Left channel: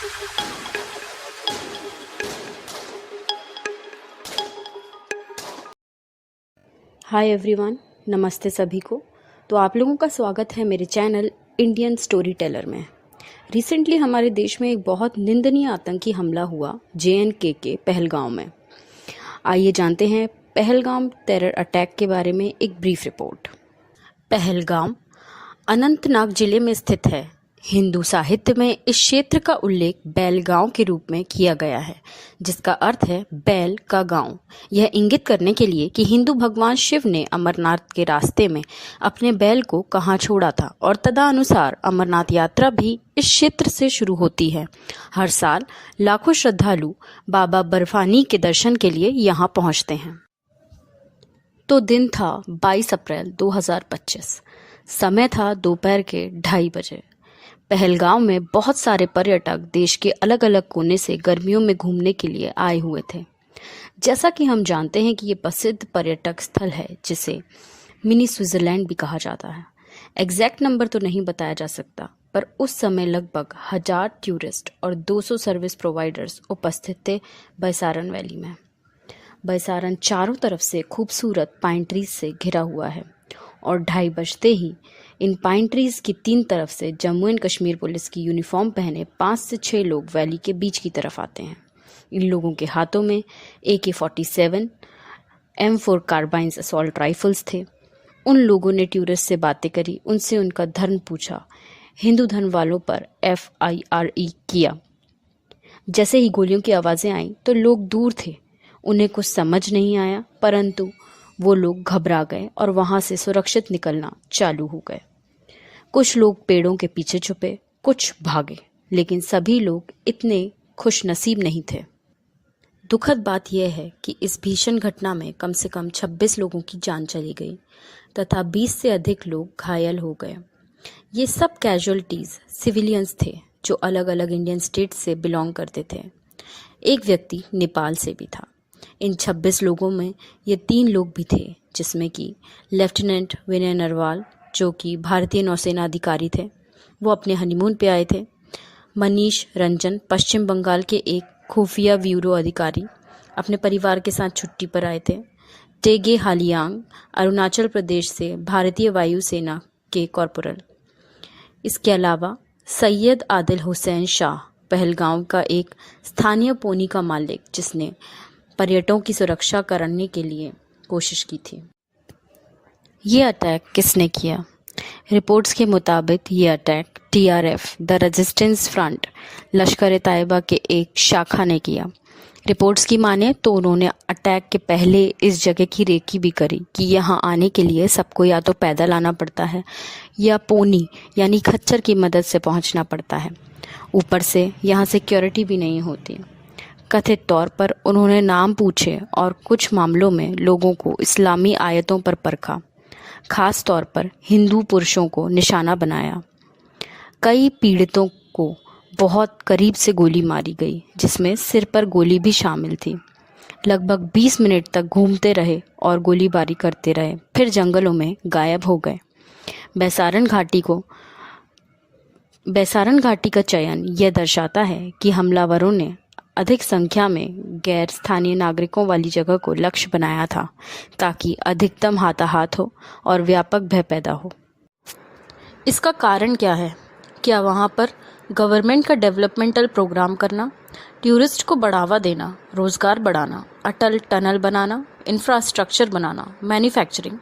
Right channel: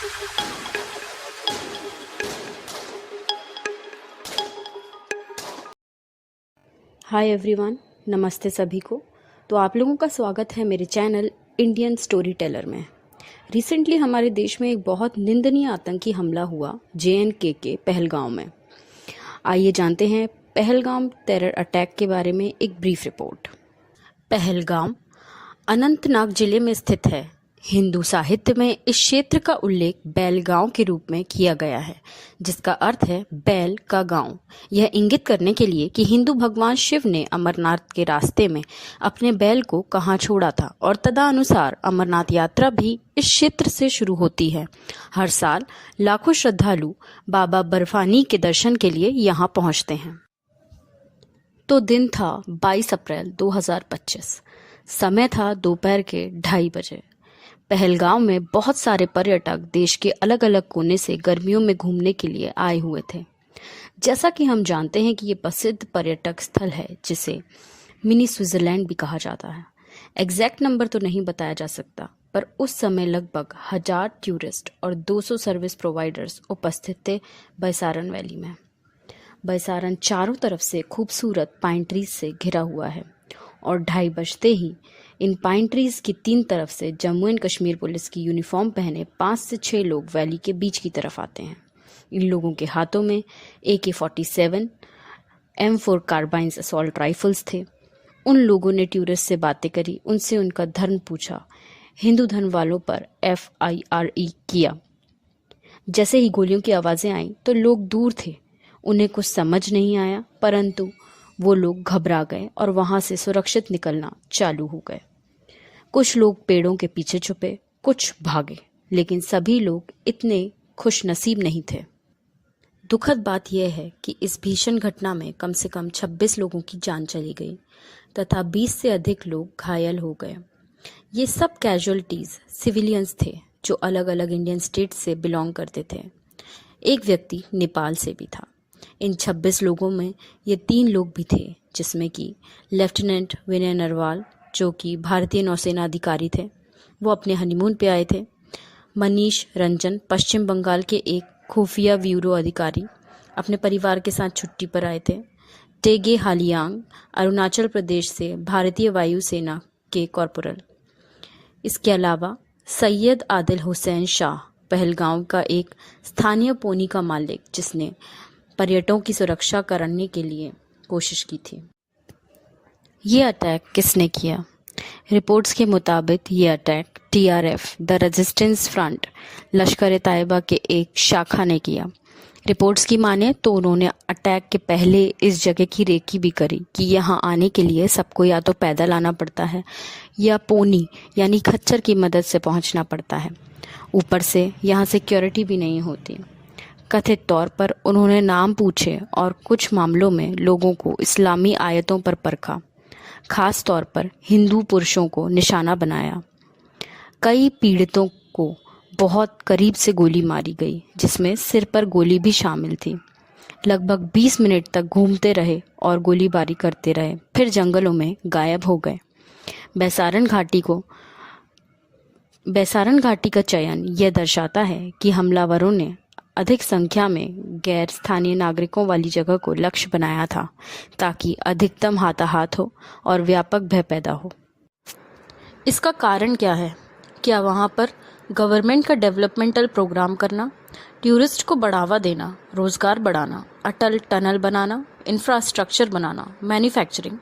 Hi everyone, नमस्ते सभी को। तो आप लोगों का स्वागत है मेरे चैनल इंडियन स्टोरी टेलर में। रिसेंटली हमारे देश में एक बहुत निंदनीय आतंकी हमला हुआ JNK के पहलगांव में। आइए जानते हैं पहलगाम टेरर अटैक के बारे में एक ब्रीफ रिपोर्ट। पहलगाम अनंतनाग जिले में स्थित है। हिंदू साहित्य में इस क्षेत्र का उल्लेख बैल गांव के रूप में किया गया है, जिसका अर्थ है बैल का गांव। यह इंगित करने के लिए कि हिंदू भगवान शिव ने अमरनाथ के रास्ते में अपने बैल को कहाँ छोड़ा था और तदनुसार अमरनाथ यात्रा भी इस क्षेत्र से शुरू होती है। हर साल लाखों श्रद्धालु बाबा बर्फानी के दर्शन के लिए यहाँ पहुँचते हैं। तो दिन था 22 अप्रैल 2025। समय था दोपहर के 2:30 बजे। पहलगाम में बहुत सारे पर्यटक देश के अलग अलग कोने से गर्मियों में घूमने के लिए आए हुए थे। जैसा कि हम जानते हैं कि ये प्रसिद्ध पर्यटक स्थल है जिसे मिनी स्विट्जरलैंड भी कहा जाता है। एग्जैक्ट नंबर तो नहीं बताया जा सकता, पर उस समय लगभग 1000 टूरिस्ट और 200 सर्विस प्रोवाइडर्स उपस्थित थे बैसारन वैली में। बैसारन चारों तरफ से खूबसूरत पाइन ट्रीज से घिरा हुआ है और 2:30 बजते ही इन पाइन ट्रीज की 3 तरफ से जम्मू एंड कश्मीर पुलिस की यूनिफॉर्म पहने 5 से 6 लोग वैली के बीच की तरफ आते हैं। इन लोगों के हाथों में AK-47, M4 कार्बाइन्स असॉल्ट राइफल्स थे। उन लोगों ने टूरिस्ट से बातें करी, उनसे उनका धर्म पूछा, हिंदू धर्म वालों पर FIRE किया। जैसे ही गोलियों की आवाज़ें आईं तो लोग दूर थे, उन्हें कुछ समझ नहीं आया, परंतु वो लोग घबरा गए और वहाँ से सुरक्षित निकलना चालू हो गए। कुछ लोग पेड़ों के पीछे छुपे, कुछ भागे, लेकिन सभी लोग इतने खुश नसीब नहीं थे। दुखद बात यह है कि इस भीषण घटना में कम से कम 26 लोगों की जान चली गई तथा 20 से अधिक लोग घायल हो गए। ये सब कैजुअलिटीज सिविलियंस थे जो अलग अलग इंडियन स्टेट से बिलोंग करते थे। एक व्यक्ति नेपाल से भी था। इन 26 लोगों में ये 3 लोग भी थे, जिसमें कि लेफ्टिनेंट विनय नरवाल जो कि भारतीय नौसेना अधिकारी थे, वो अपने हनीमून पे आए थे। मनीष रंजन पश्चिम बंगाल के एक खुफिया ब्यूरो अधिकारी अपने परिवार के साथ छुट्टी पर आए थे। टेगे हालियांग अरुणाचल प्रदेश से भारतीय वायुसेना के कॉर्पोरल। इसके अलावा सैयद आदिल हुसैन शाह पहलगांव का एक स्थानीय पोनी का मालिक, जिसने पर्यटकों की सुरक्षा करने के लिए कोशिश की थी। ये अटैक किसने किया? रिपोर्ट्स के मुताबिक ये attack TRF the resistance front लश्कर ए तैयबा के एक शाखा ने किया। रिपोर्ट्स की माने तो उन्होंने अटैक के पहले इस जगह की रेकी भी करी कि यहाँ आने के लिए सबको या तो पैदल आना पड़ता है या पोनी यानी खच्चर की मदद से पहुँचना पड़ता है। ऊपर से यहाँ सिक्योरिटी भी नहीं होती। कथित तौर पर उन्होंने नाम पूछे और कुछ मामलों में लोगों को इस्लामी आयतों पर परखा, खास तौर पर हिंदू पुरुषों को निशाना बनाया। कई पीड़ितों को बहुत करीब से गोली मारी गई, जिसमें सिर पर गोली भी शामिल थी। लगभग 20 मिनट तक घूमते रहे और गोलीबारी करते रहे, फिर जंगलों में गायब हो गए। बैसारन घाटी का चयन यह दर्शाता है कि हमलावरों ने अधिक संख्या में गैर स्थानीय नागरिकों वाली जगह को लक्ष्य बनाया था, ताकि अधिकतम हाथाहाथ हो और व्यापक भय पैदा हो। इसका कारण क्या है? क्या वहाँ पर गवर्नमेंट का डेवलपमेंटल प्रोग्राम करना, टूरिस्ट को बढ़ावा देना, रोजगार बढ़ाना, अटल टनल बनाना, इंफ्रास्ट्रक्चर बनाना, मैन्युफैक्चरिंग,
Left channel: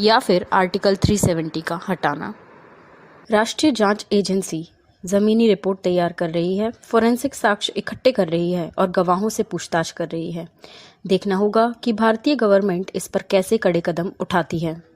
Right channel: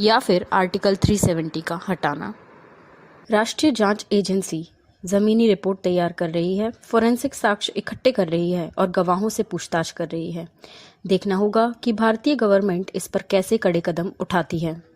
या फिर आर्टिकल 370 का हटाना? राष्ट्रीय जांच एजेंसी जमीनी रिपोर्ट तैयार कर रही है, फोरेंसिक साक्ष्य इकट्ठे कर रही है और गवाहों से पूछताछ कर रही है। देखना होगा कि भारतीय गवर्नमेंट इस पर कैसे कड़े कदम उठाती है।